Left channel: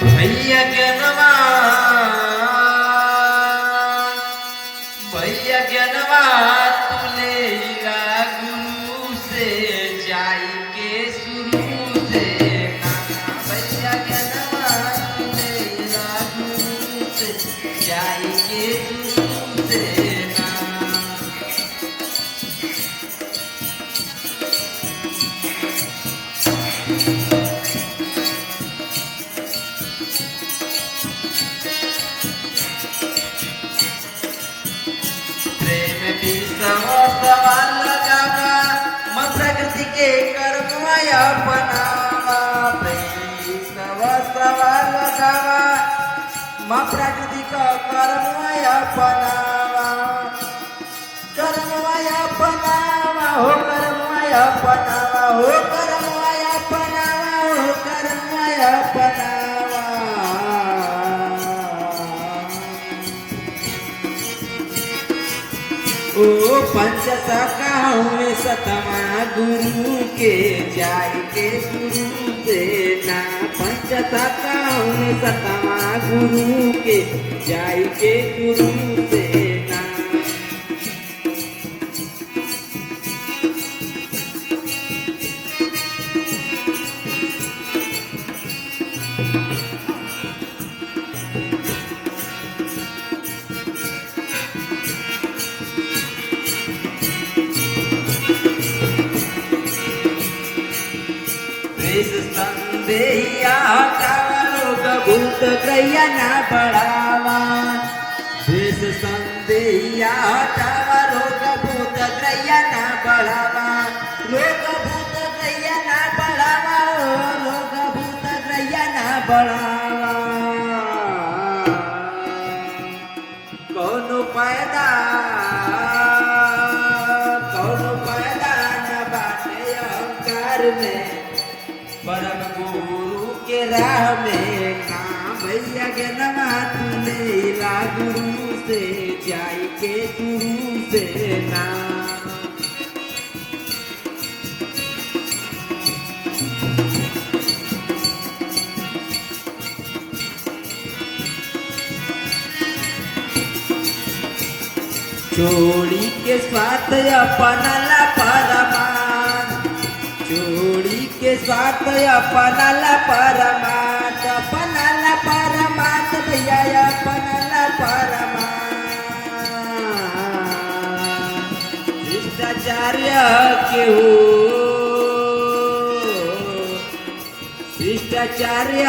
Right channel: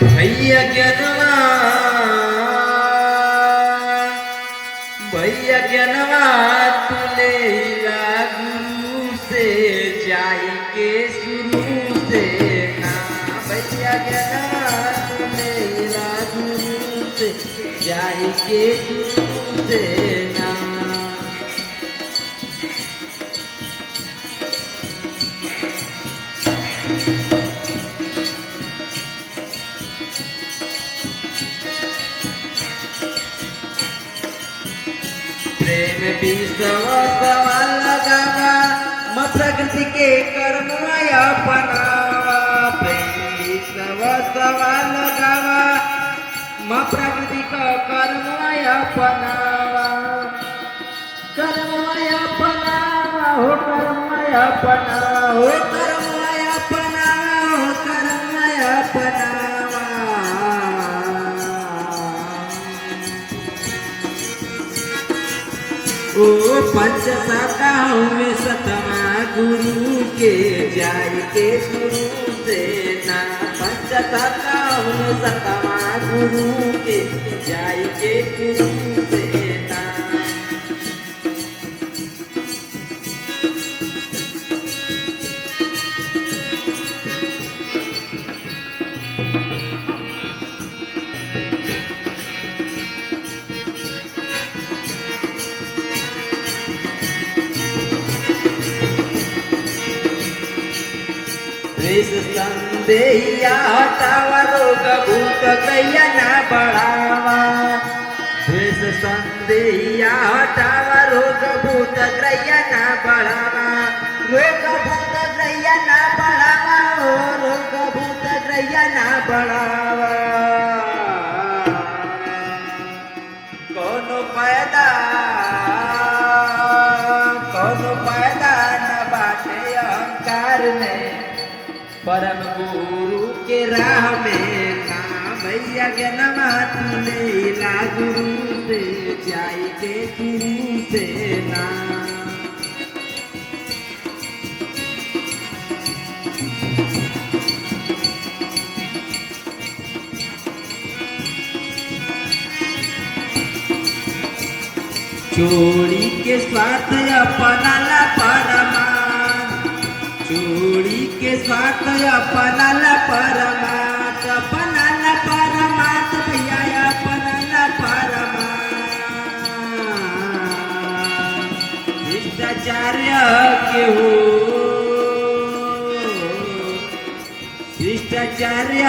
भैया ज्ञानवा तुलेला गुरु से जाई के शुरू से ना। भैया ज्ञानवा तुलेला गुरु से जाई के शुरू से ना। प्रेम विश्वास लगावा म प्रकृति के कर्म अपनावा। प्रेम विश्वास लगावा म प्रकृति का कर्म अपनावा। कर्म अपनावा हो कर्म अपनावा हो कर्म अपनावा हो कर्म अपनावा। ओ पंच शाखाओं में सतमा गुरु के जाय के शुरू से ना। पंच शाखाओं में सतमा गुरु के जाय के शुरू से ना। संदेहिया हटावा रोग भूत गैया ना बढ़ावा। देश संदेहिया हटावा रोग भूत गैया ना बढ़ावा। रोग भूत गैया ना बढ़ावा हो रोग भूत गैया ना बढ़ावा। कोनो पैदा न बाटे अहंकार में परम गुरु के राह में ना। भैया ज्ञानवा तुलेला गुरु से जाय के शुरू से ना। चोरी के स्वार्थ अपनाला परमान। चोरी के स्वार्थ अपनाला परमात। अपनाला परमात भैया अपनाला परमात। शिष्टाचार्य के हो शिष्टाचार्य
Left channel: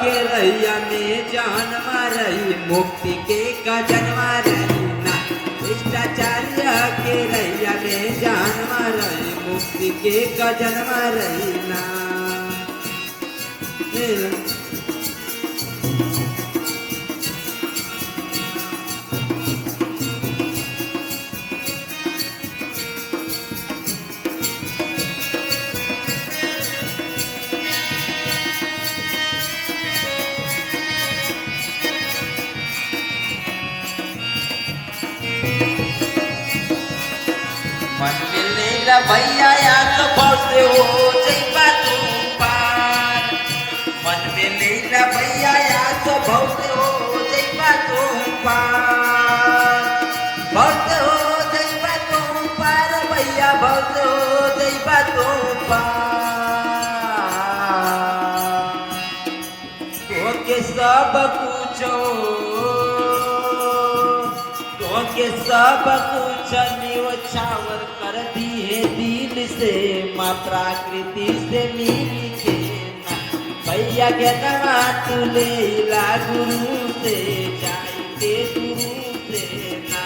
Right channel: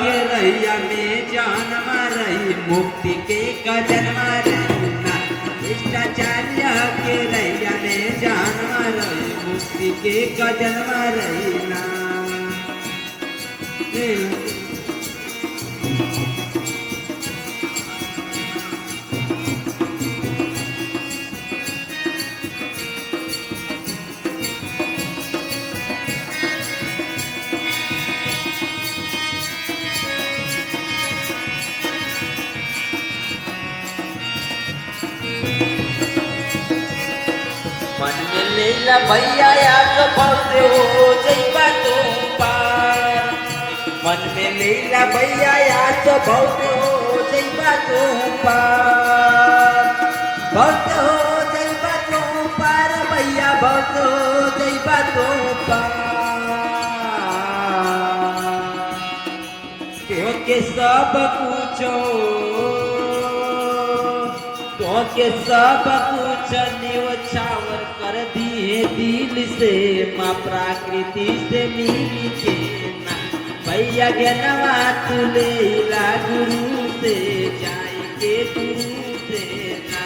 के रैया में जन्म रही मुक्ति के का जन्म रही। शिष्टाचार्य के रैया में जन्म रही मुक्ति के का जन्म रहीना। भैया याद बहुत हो जइबा तो पार। बहुत हो जइबा तो पार भैया बहुत हो जइबा तो पार। तोके सब कुछ न्यौछावर कर दिए दिल से माँ प्रकृति से मिल के। भैया ज्ञानवा तुलेला गुरु से जाय के गुरु से ना।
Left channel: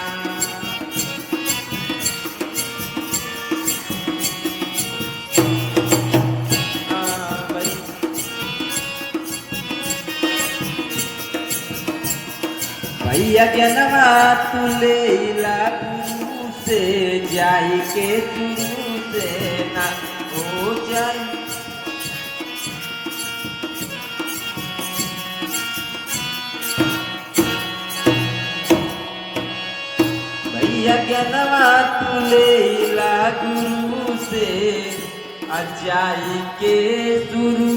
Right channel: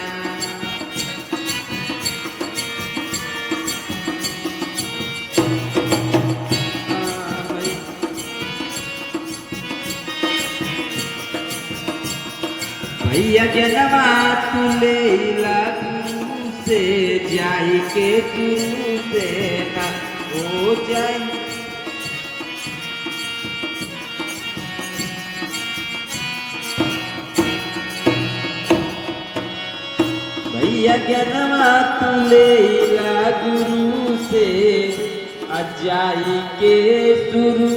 भैया ज्ञानवा तुलेला गुरु से जाय के गुरु से ना। हो जाय भैया ज्ञानवा तुलेला गुरु से जाई के शुरू